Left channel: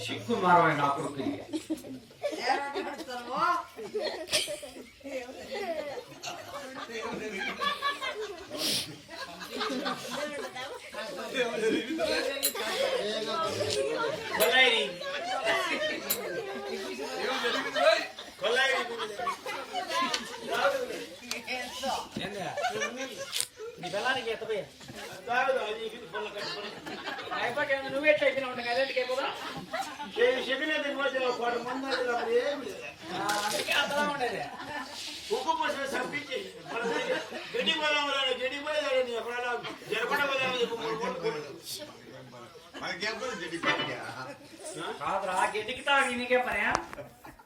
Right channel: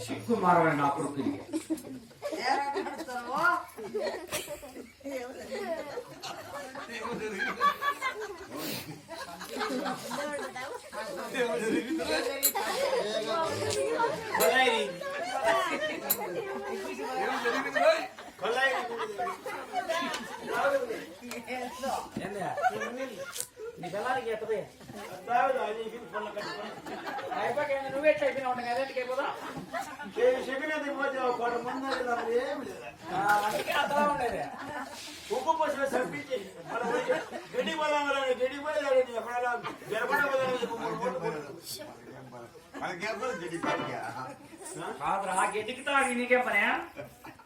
సిగ్గు మారవై నా కొడుకు నీ పిల్లలకి ఎత్తపోయా నువ్వు ఎట్లా అయిపోయినా ఉంటా కదా ఇంటికి అయిపోదా అందుకే అర్థం ఉండేది. కాదురా గడ్డికి తాగి నీకేం పనే?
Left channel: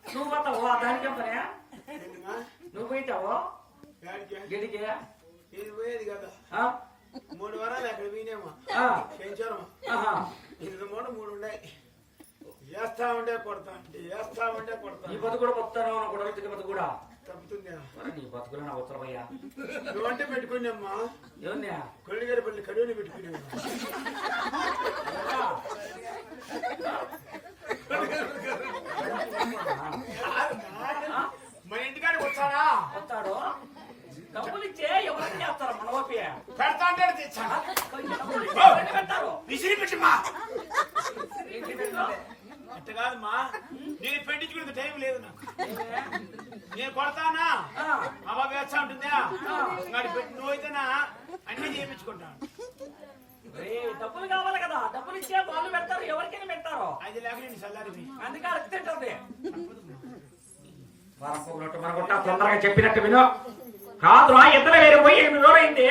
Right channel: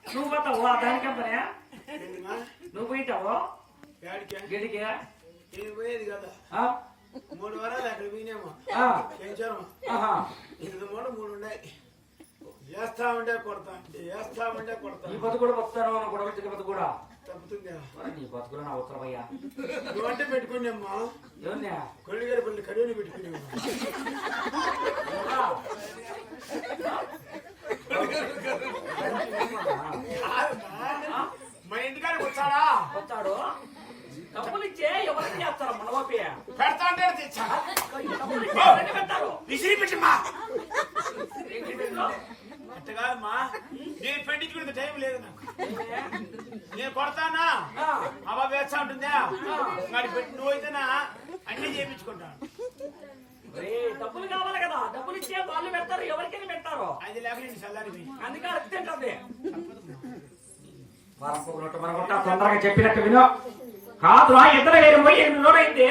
నువ్వు పోతావు ఆ దానికేం పనే? నువ్వు పోయిటావు గడ్డికి? ఆ? మూడు వారాలు అక్కడ పోయినేమో. ఆ. పెంచారమ్మా ఇది మూడు మూడు ఉన్నాయి. వేస్తా ఉంటే కొడతా. అంటే వేస్తా ఉంటే కొడతా. నీ బతుకు కూడా బతుకుతాను గొడవలు తిరిగి బతుకు కూడా. తప్పుతుంది. నీ బతుకులు నా ఉత్తరమయ్యా నువ్వంటే పెట్టుకున్నామ్మా ఏముందా కొల్లిగారి పల్లి కడువుని పెట్టుకున్నాము మా ఇంటికాడికి వచ్చాడా వస్తాడు డబ్బులు ఇచ్చే ఎవరికి చేస్తారు మన ఓపి పెడతా అంటే తెచ్చా డబ్బులు ఇచ్చే? ఎవరికి పెడతారు విసిరి పెట్టిమ్మా ఏంటి పెట్టు? అట్ట కాదమ్మా నేను పెట్టించుకునే టైం లేదు నాకు. నేను కొడతానా? మా బాబు వేస్తా ఉంటుందా? వాడి పెట్టి నువ్వైతేనా? అన్ని చేయించుకుంటాను. డబ్బులు కావాలి కదా. డబ్బులు ఇచ్చే వాళ్ళు పెడతారు ఎవరికైనా పెడతారు. అది లేక నేను చల్లారిపోయి అందుకే తొందరగా చెప్పినట్టు విను. కాదురా ఇద్దరు వేరు పోయి ఎనిమిది రోజులైంది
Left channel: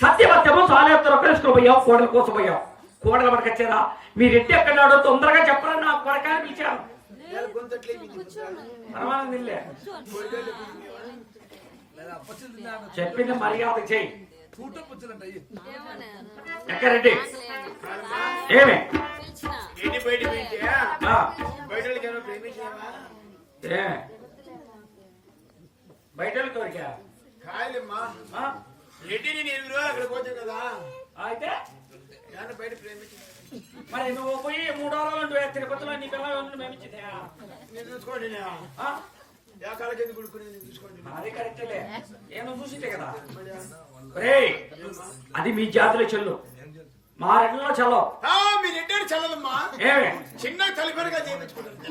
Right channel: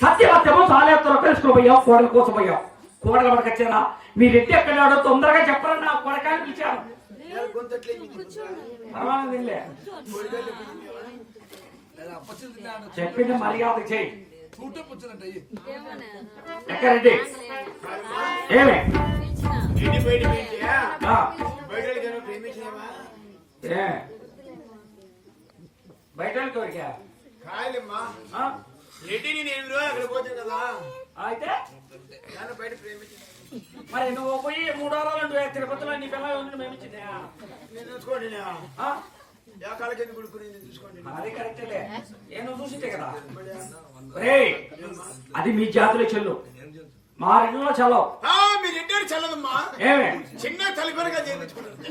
సత్యవత్యము సాలేత్తరు తెలుసుకుని పోయాం కోడలు కోసం పోయాం కోడలు మనకు వచ్చారా మీరు ఎట్టి ఎక్కడాడో తొందరగా చెప్పరా నా పర్వాలేదులే. కోడికాయలు చెప్పింది మర్యాద చేయి ఎక్కడండి ఏమే? ఇంటి బయట బయట కోరికా కాయలమ్మా. రెడ్డిని నేను రోజు అక్కడ పోతే కదా అయితే దాన్ని బయట ప్రేమించిన మరి నువ్వు పోయి మూడు వారాలు తిరుపతిలో నీ పిల్ల ఉండి మేము ఇచ్చిందా నేను చూసుకోండి గుడుకుని చూసుకోండి అది కరెక్టేలే నేను చూసింటే కదా అది మీ జాతిలో చెల్లు మా రెండులో చల్లవు ఆ, మీ రెడ్డి చల్లదమ్మా ఏమే చిన్న తలుపుగా చేయించుకుంటుంది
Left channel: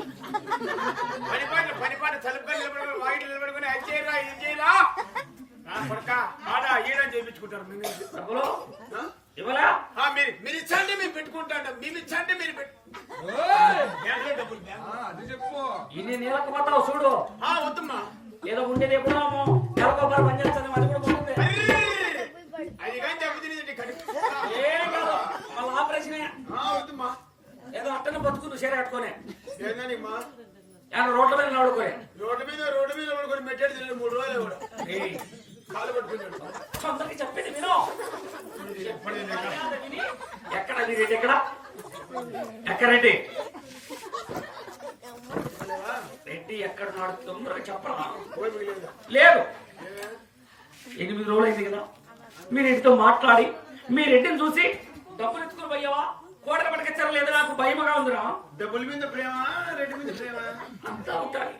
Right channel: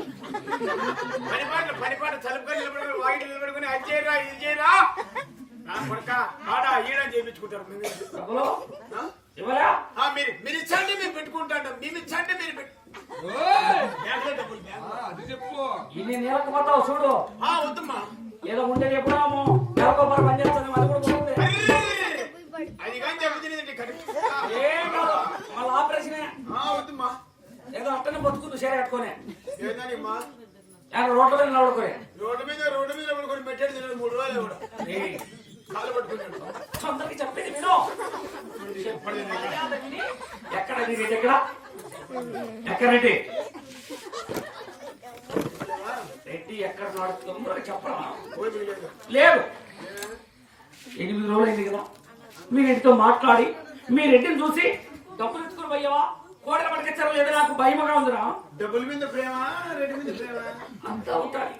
పనిపాట పనిపాట తలుపుగా నిలబడుకుని వాయిట్ నిలబడుకుని అది చేయరా ఇది చేయరా కొడక ఆడ ఈడ చేయించుకుంటారు మేము డబ్బులు ఆ? ఇవ్వరా ఆ, మీరు మీరు ఇచ్చండి మేము పెట్టుకుంటాం మేము ఇచ్చండి మీరు పెట్టు. బ్యాంకులో డబ్బులు బ్యాంకు. అది చెప్పు. ఇన్ని నెలకు పోతావు చూడు. ఆ, వద్దమ్మా. ఏదో ఉండేది ఎప్పుడాము నెలకు పని చేస్తాను అది కూడా పోతుంది! అది కానీ చెబుతుంది ఏం కాదు మళ్ళీ ఆపరేషనే ఆ, వద్దమ్మా. ఏదో అట్టనే బతుకుంది చీర కట్టుకొని. ఏందమ్మా ఏదో రోడ్ల మీద నిలబడుకొని. రోడ్డు మీద రోడ్డు మీద పడుకొని మెట్టాడు తిన్నాడు మూడు రోజులు కాలు పట్టుకున్నాడు అందరికి చెప్పింది విను ఎక్కడ? ఎక్కడ? ఎక్కడండి? రెడ్డి ఎక్కడ నడుస్తుందో చెప్పరా లేదు? ఎనిమిది రోజులు అయింది కదా. మీరు ఇంటితో మాట్లాడి మీ రెడ్డిని చూసి డబ్బులు ఎత్తుకుని పోయావా? కోట పట్టుకొచ్చారా లేదా నాకు భయమగా ఉందిరా. డబ్బుల మీద ప్రేమ రెడ్డి మీద ప్రేమ. అంతా అవుతాయి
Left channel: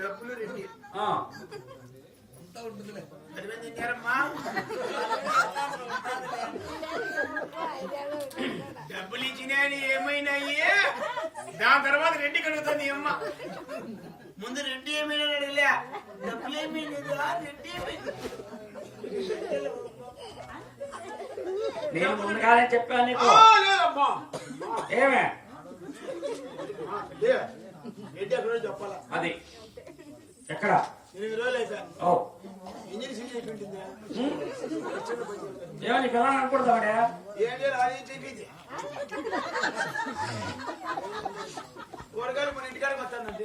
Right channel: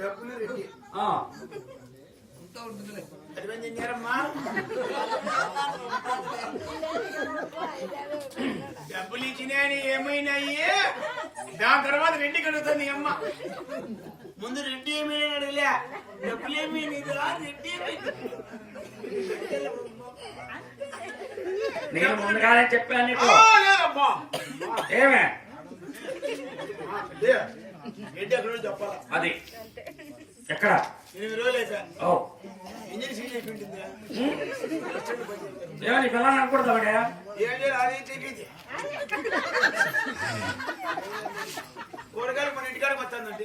డబ్బులు రెడ్డి. ఆ, అంతా ఉంటుందిలే అది మేము తిన్నారమ్మా డబ్బులు ఇచ్చినాయని ఏమైనాయి దాని తర్వాత రెడ్డి కడుగుతుంది ఈ అమ్మ ముందు రెడ్డి ఏమైనా అడగలే డబ్బులు ఏమైనా రెడ్డి ఏమైంది నేను ముందుగానే చెప్పాను నీకు లేదమ్మా ఏమే ఆ, లే. రెడ్డి అక్కడ నుంచి చెప్పాలా అది ఎక్కడ? ఎనిమిది రోజులు అయిపోయా ఓ. ఇంజన్ సీట్ అయిపోయింది ఏమో నీ పిల్లలు అనుకుంటావాడే ఏం చేయాలి అది చెప్పింది కూరగాయలు మన ఇంటికాడికి వస్తానండి.